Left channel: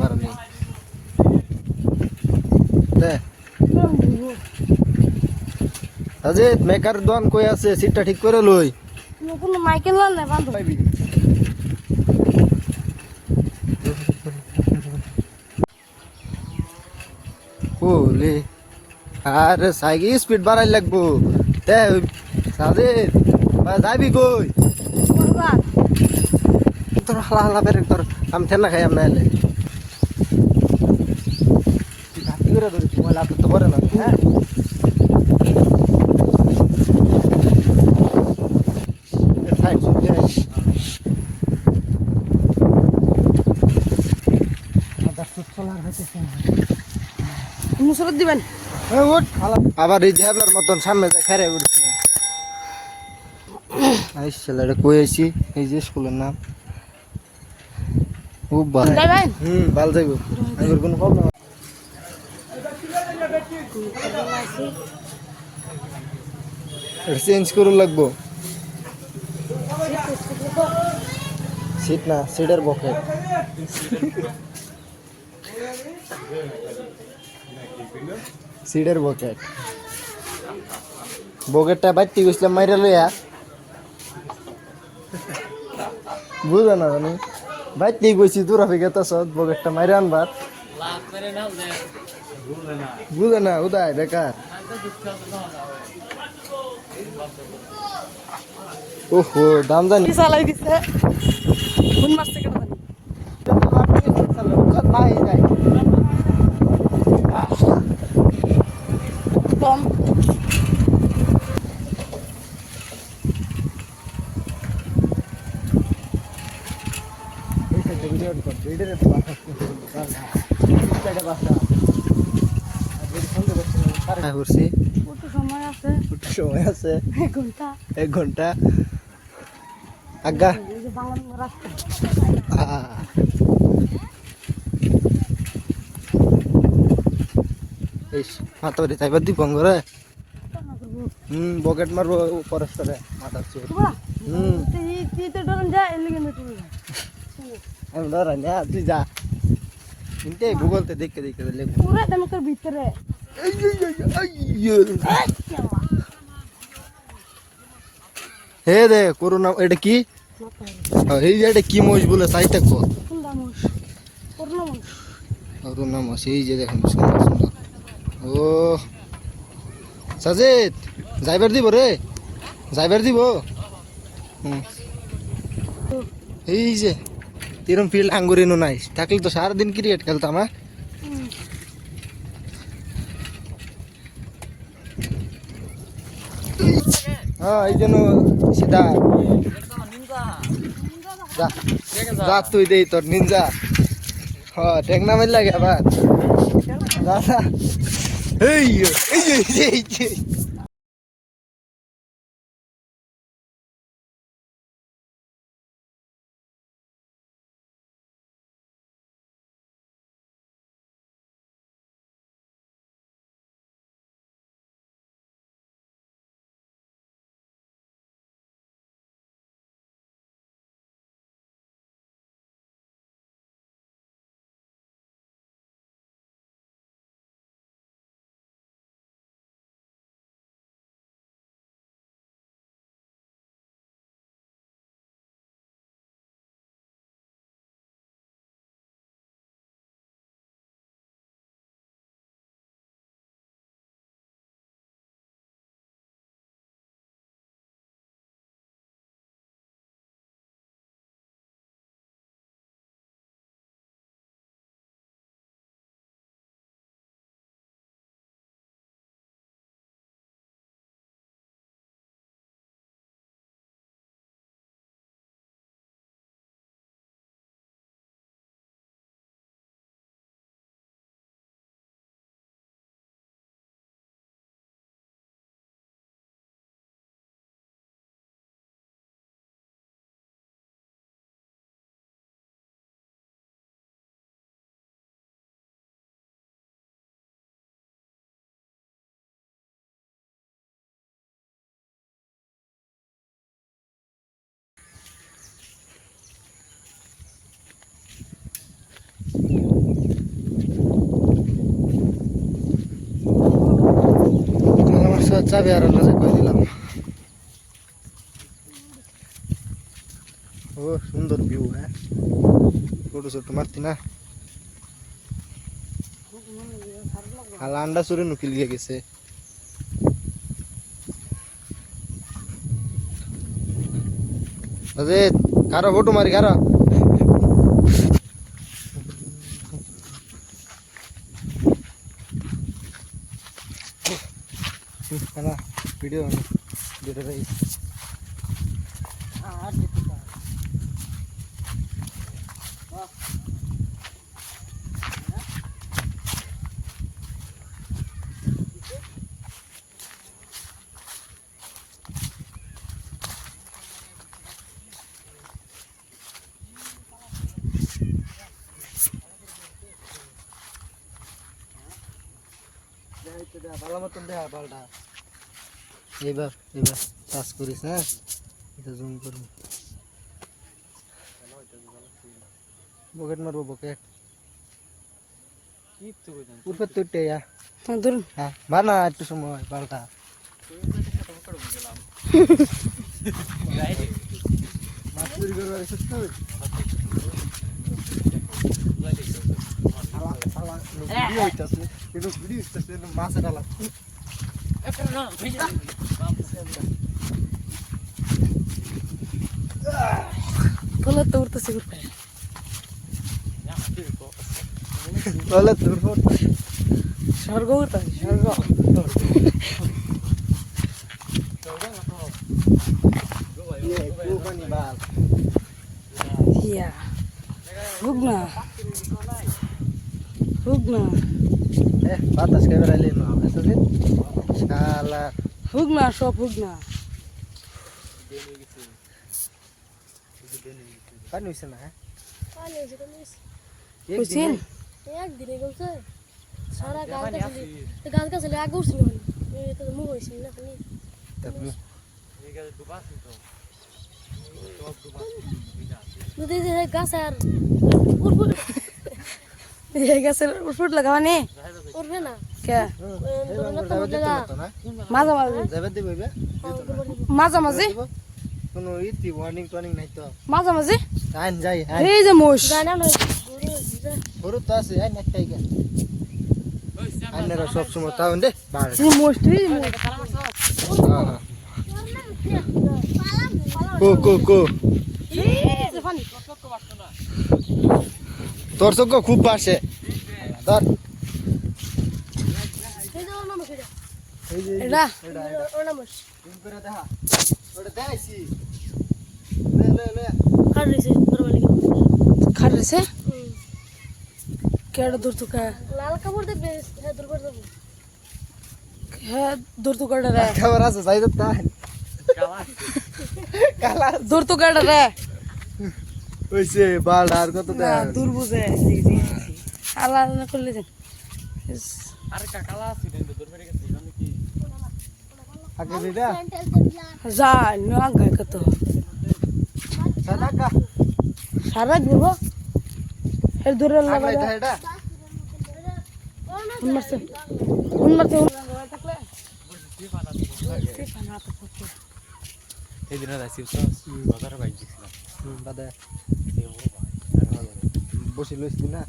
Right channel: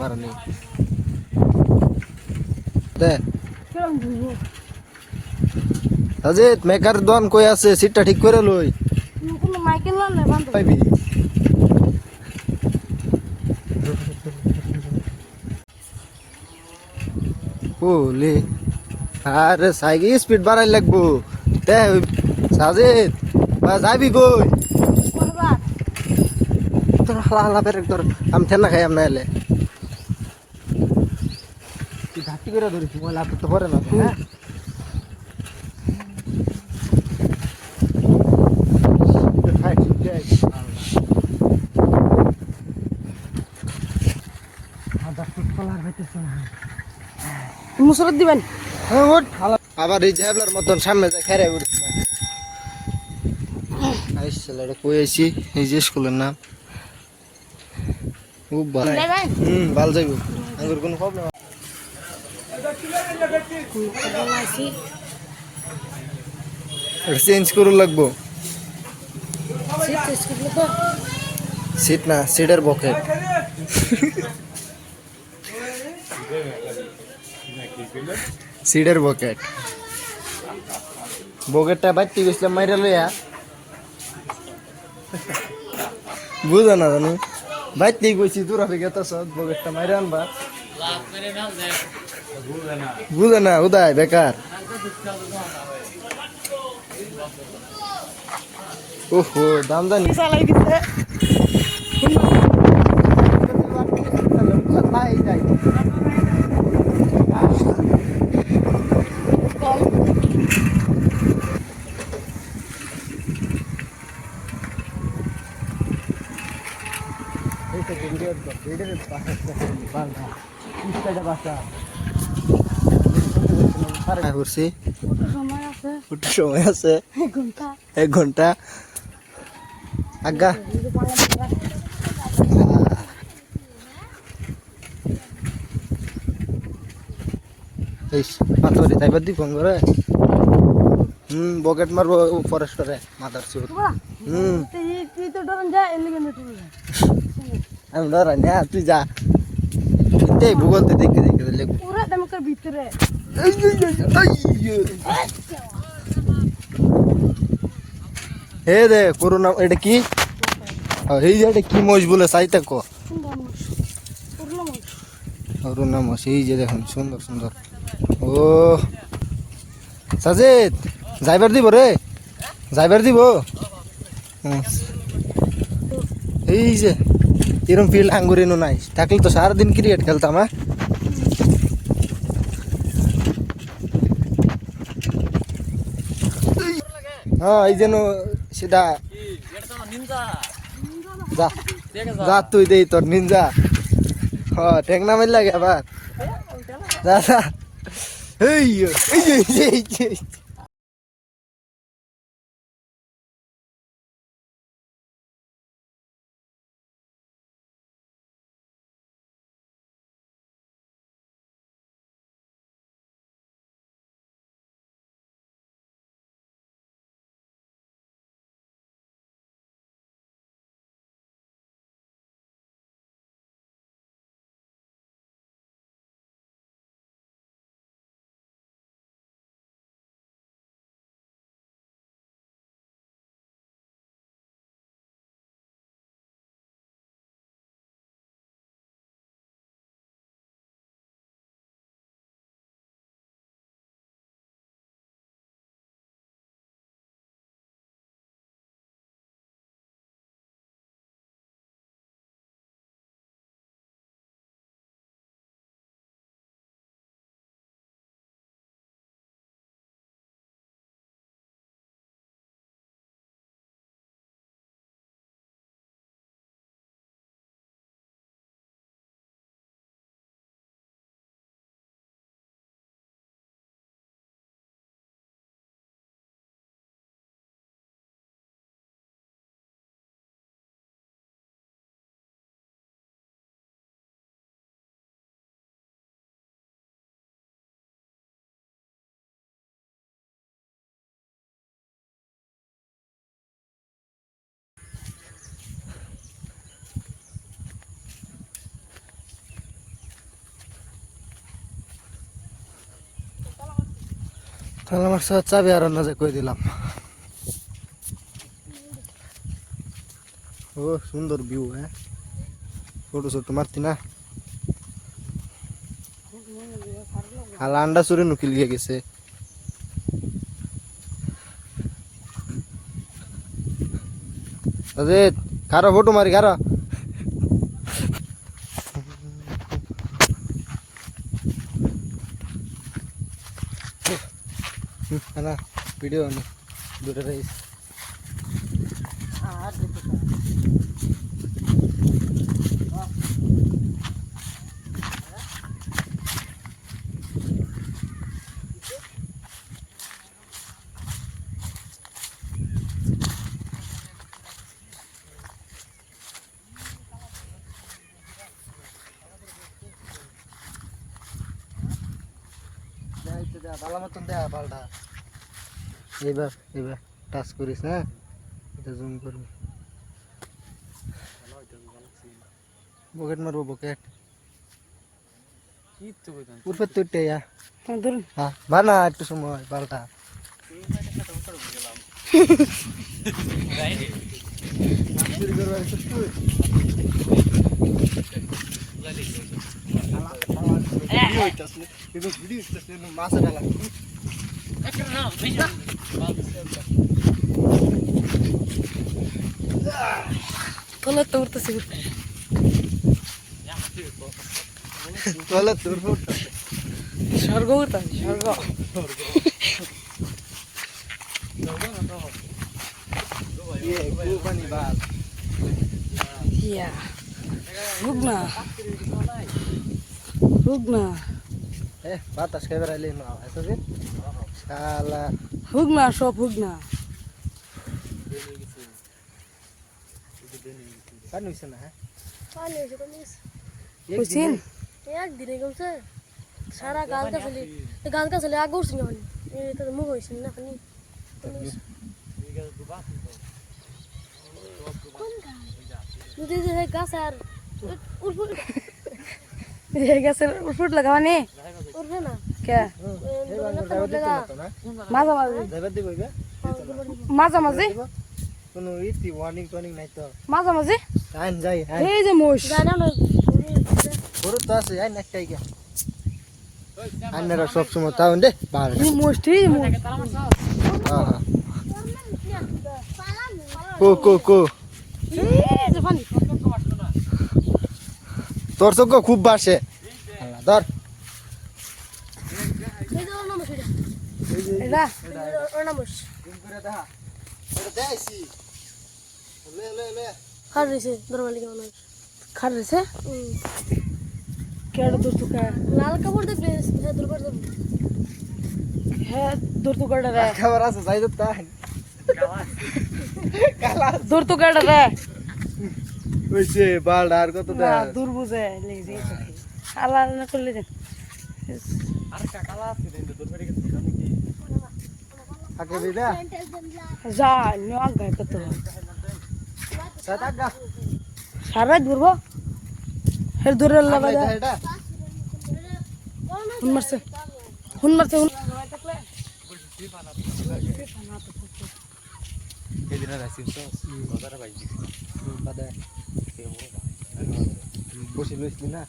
মারানি দে Sajid maker দোকান কই আছে সিটটা ঠিক করে লই কোনো মাইকেল না বান্ধব পাইবি ওলে আরে সাইকেল স্পিড বাড়াই লাগবো দে সাজিদ যাবি কই করবার তোর হালা হালা বেরেক তোর আমি ঠেলা খাই আমি এলে তুই ঘাটি করে ধরিস মোবাইল আপলোড তো করে না হ্যাঁ ফাইট মুসরত দিবেন আবার এই ঝাবলার মতন সামনে যায় খেরে উঠছে ছেলেটা কই আছি এই যে স্কুলের নাম খুব ভালো ভালো যাইব আমার কোনো প্রবলেম চেঞ্জ করে লাগবো সিট না সিটের বকেট সিটের বকেট বকেটটা বাইতে গেছিলাম মাইরা লইয়া বুঝো না জানি বাইতেই গেছি দূর হবে গেত সব বকেটটা মাইরা আনবার বুঝে না উদয় বেকার ওহো দাম জানি চালাই দিতে কম সময় আছে সময় আছে 1 ঘন্টা 1 ঘন্টা আজ্ঞা মাতরি তাইবার দি ফোন করে বকেট মারবো ফরেস্টরে মাদার চোর তুই তো ডরন যা এলি কেন তুই আমি ধরা না তুই যা এই ভূগোলতে দেখে দেখে লেখ পুরো দমকের ভিতরে হে দে করোনা এটা কি এই যে এটা কি মোষ বলে চাই থাকো করোনা মোষ এই যে দেখুন সুন্দর সুন্দর ও সাজিদ যাইবার দিব রে যাইবার দিব এই যে এরম ফিল্ড আঙ্গুরিনো নাই থাকলে তো সারাদিন ক্রিকেট খেলতাম হ্যাঁ এই যেন সিধা যা যা তুই দেই তোর নিনজা হ্যাঁ টেকনা মাইল লাগে আবার যা যা এই চাবি আর না কই দিলাম। ও সুন্দর ভিউ, হ্যাঁ ফটো শটো মারতি না। আর আন্ডা চুরি নুকিল গিয়ে গেছে। কারো ফটো মারি কারো ভিডিও দুটো ভালো মতন দেয়া পাল্টা। এবার এবার টাচ করিস, হ্যাঁ এটা জুম করবি। বকেট মারবো বকেট উঠবে তুইটে ধরুন হ্যাঁ বানা একটু সময় পাল্টা। মাছ ডালা তোলা তো উঠতেছে উঠতে তাহলে তোর স্বর্গ উঠতেছে স্বর্গ। ইয়া হুক না হুক না বাতাস খেয়ে বেড়াইলে শালা হুক না সব হুক না। পানি হয়েছে না, হ্যাঁ বুঝছেন একদিনে গেছে সারা গাছ গাছলে আগে উঠছিল মুখ হয়েছিল না খালি যদি গাছ আর গাছের ফুট লাগাওয়া নে উঠবে না কে মাঝামাঝি মাঝামাঝি কোনো ইতি ওয়ার্নিং টর্নিং নাই তো মাঝামাঝি আইন যাই এই যে মোষ জানা না বড় তো আছে আইন একটাই কে আইনারা সব সময় তাও দে বাড়ে মোষ তুই হ্যাঁ হ্যাঁ কো কো কো তোর চোখ খুব বাসে ধর এটা খার রয়েছে দরবালি খার রয়েছে কেডা দূর তুকা লাল কাপড় দেবে দুর্বার দেবে হ্যাঁ দূর তুকাটা রে খবর আছে যাই তো তাই দূর তুকাটা রে ওইছে বাল আর কত না দূর বুঝে আলা না করলে দেন আগে দিদা যা না গায় কত সাদাকা সারা ঘুরবো হের দূরে লাগা এটা এটা হুন মারছে হুন মারছে এই দিনের আসিল তো বাজার বাইক বাদে বসে লইছি না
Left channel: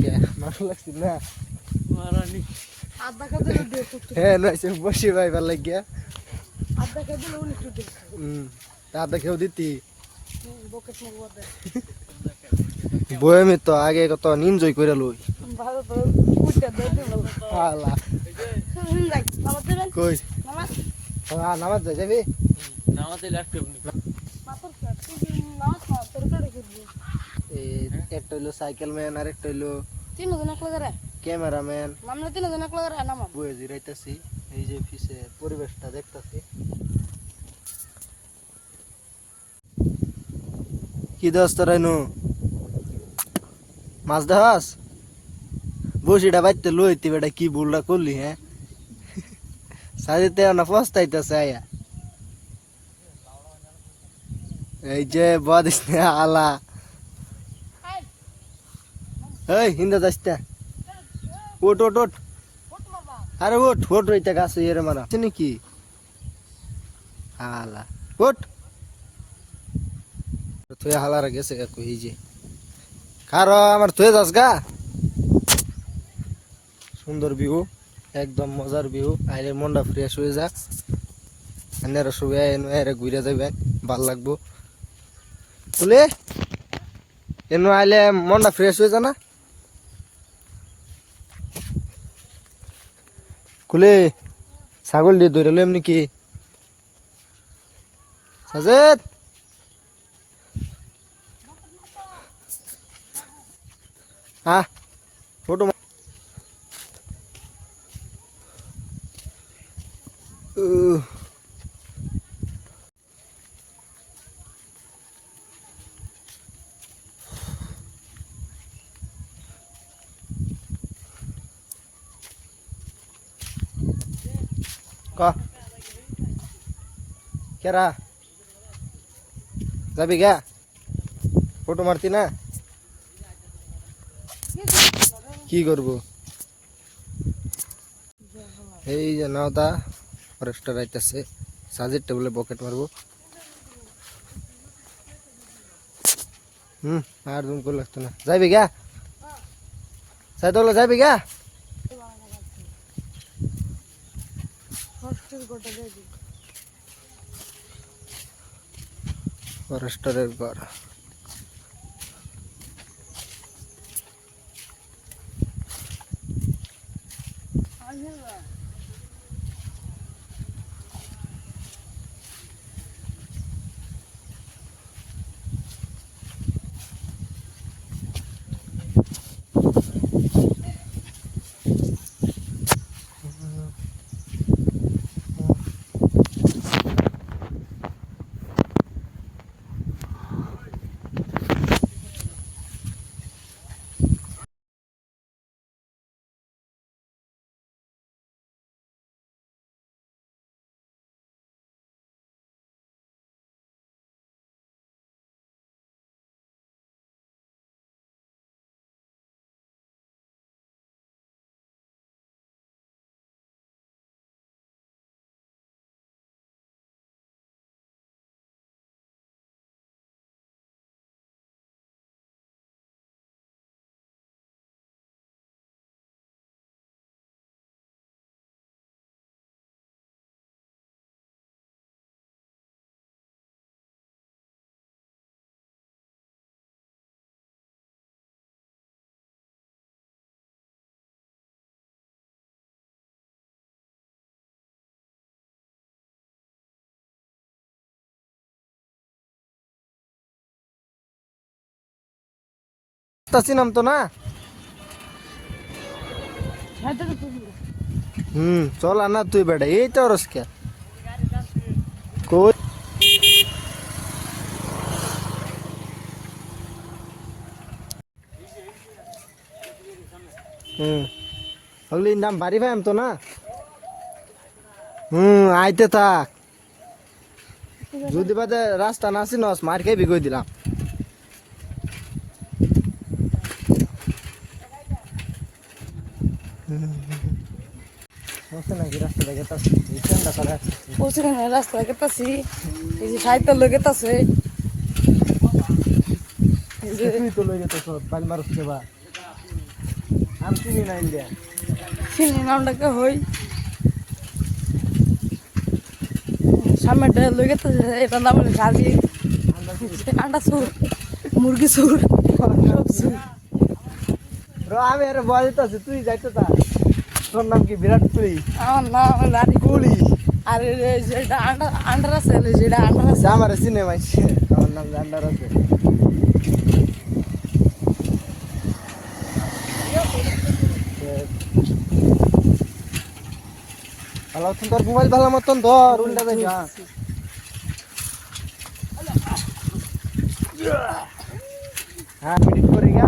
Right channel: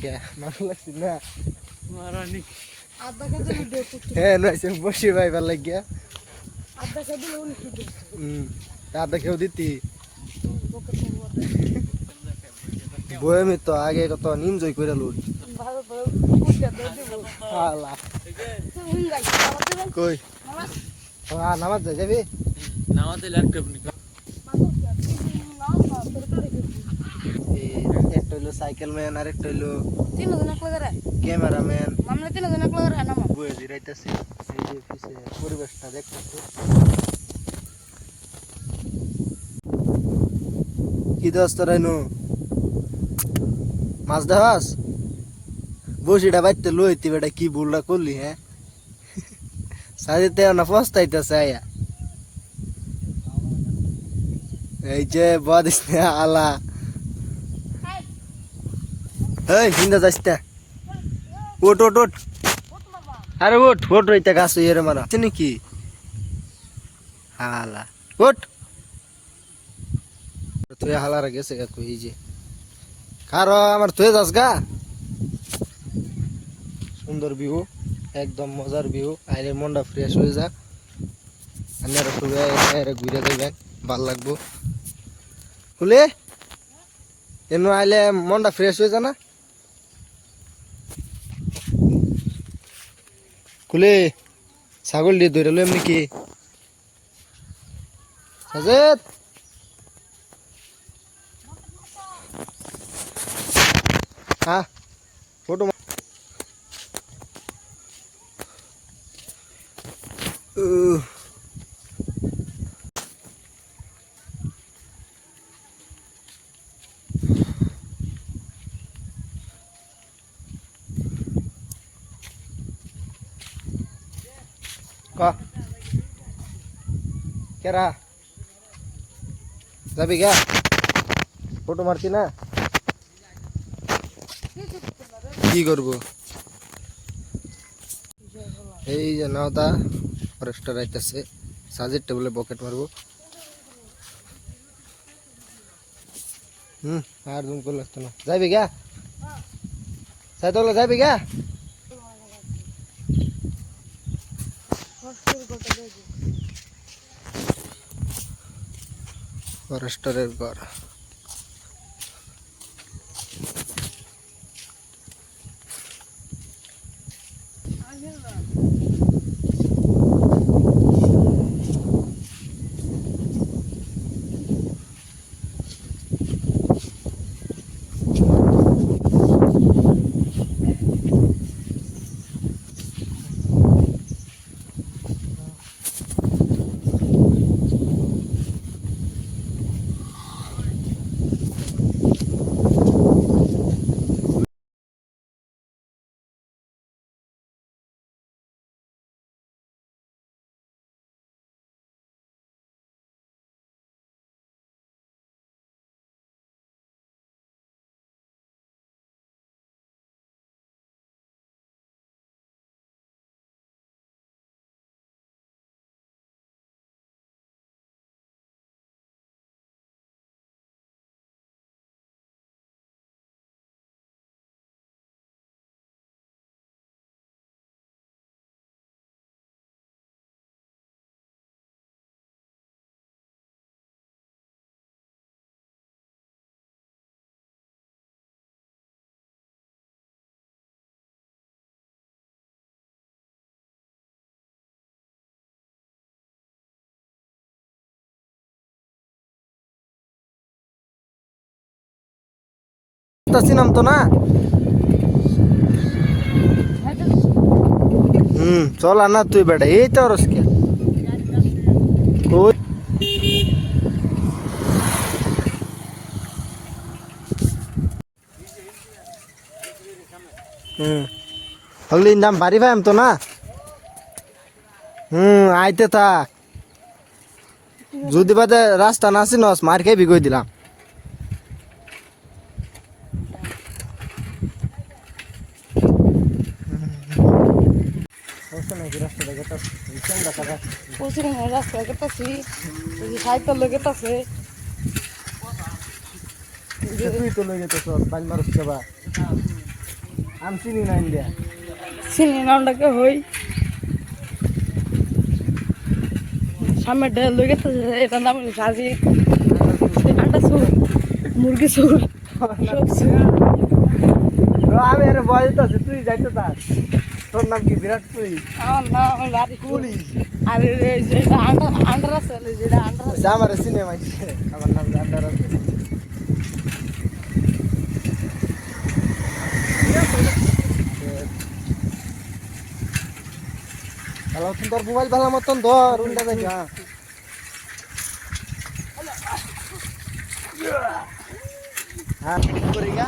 কে মারো লাগছি না মারানি আধা কাজে দে হ্যাঁ নইছে বসে ভাইবার লাগিয়া আধা কাজে উনি কি দে তা কেউ দিতি বয়মি তো আগে কত নিনজয় করে লই ভালো তো কুটা দে দিব আলা কই নামাজ যাবি নামাতে ল্যাপটপ নি একটা হইলো সাইকেল ম্যান আর একটা হইলো তিনজন একলা করে ক্যামেরাম্যান মামলা তিনজন একলা করে নামা বয়ে জিরাইতেছি এই যে পিছে পরিবেশটা দেখতেছি কি দোস্ত রাইনু মাছ দেখাস বসিটা বাইতে লইতি বেটা কি ভুলটা করলি, হ্যাঁ সাজিতে না পস্তাইতেছে আয়া এই যে বদিস আলা এই হিন্দা যাইতে ওট ওট ওট আরে ওঠ ওঠ রইতে গাছ ইয়ে মারা চিনি কি হালা ওঠ তুই হালার গেছে গা কই যে কারো আমার তুই যাস গা সুন্দর ভিউ একদম মজার ভিউ আইলে মনটা ফ্রেশ হয়ে যাক আন্নারা শুয়ে এনে ঘুরে যাবেন ভাল লাগবো তুলে এনে আইলে মনটা ফ্রেশ হয়ে যা না কুলে ছাগল দিয়ে ধরে লো এমনি কি সাজেদ হ্যাঁ ফটো কেরা যাবি গা ফটো মারতি না কি করবো এই যে নাওতা ফরেস্টার আইতাছে সাজের টেবিলে পকেট মারবো আর জুম করে লাগতো না যাবি গা সাই তো যাবি গা ফরেস্টারের ঘর চিনাম তো না চল আনা তুই বেটা এই তো রসকে কই হগলি দাম বাড়ি ভাই তো না আইতে থাক যদি বাদে রাস্তা না চিনস মার খেয়ে বিগই দিলাম রাস্তা গেতাছি সাইকেল গেতাছে তুই তো লই যেতে সব বাল মারস কেবা আমি চিনি না ইন্ডিয়া চিনি নামটাকে হই সামনেটা লই গেতাছে এটা নাম গাজি আটা সুর মুরগি সুর সব সুর আমি আরে বলতে আছি তুই যাইতে তা তোর নাম কি বিরাট তুই আমার নাম লারি পুলিশ আর যেটা আন্ডার আছে যেটা আন্ডার আছে আমার সিনেমা আমার নাম জান্ডার আছে ভালো তোর মোবাইল ভালো মতন ধর উল্টা দেখা হ্যাঁ পিডিং করি গা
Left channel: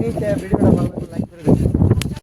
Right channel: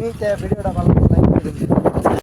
নিচে ভিডিওটা ভালো লাইক করে দিও।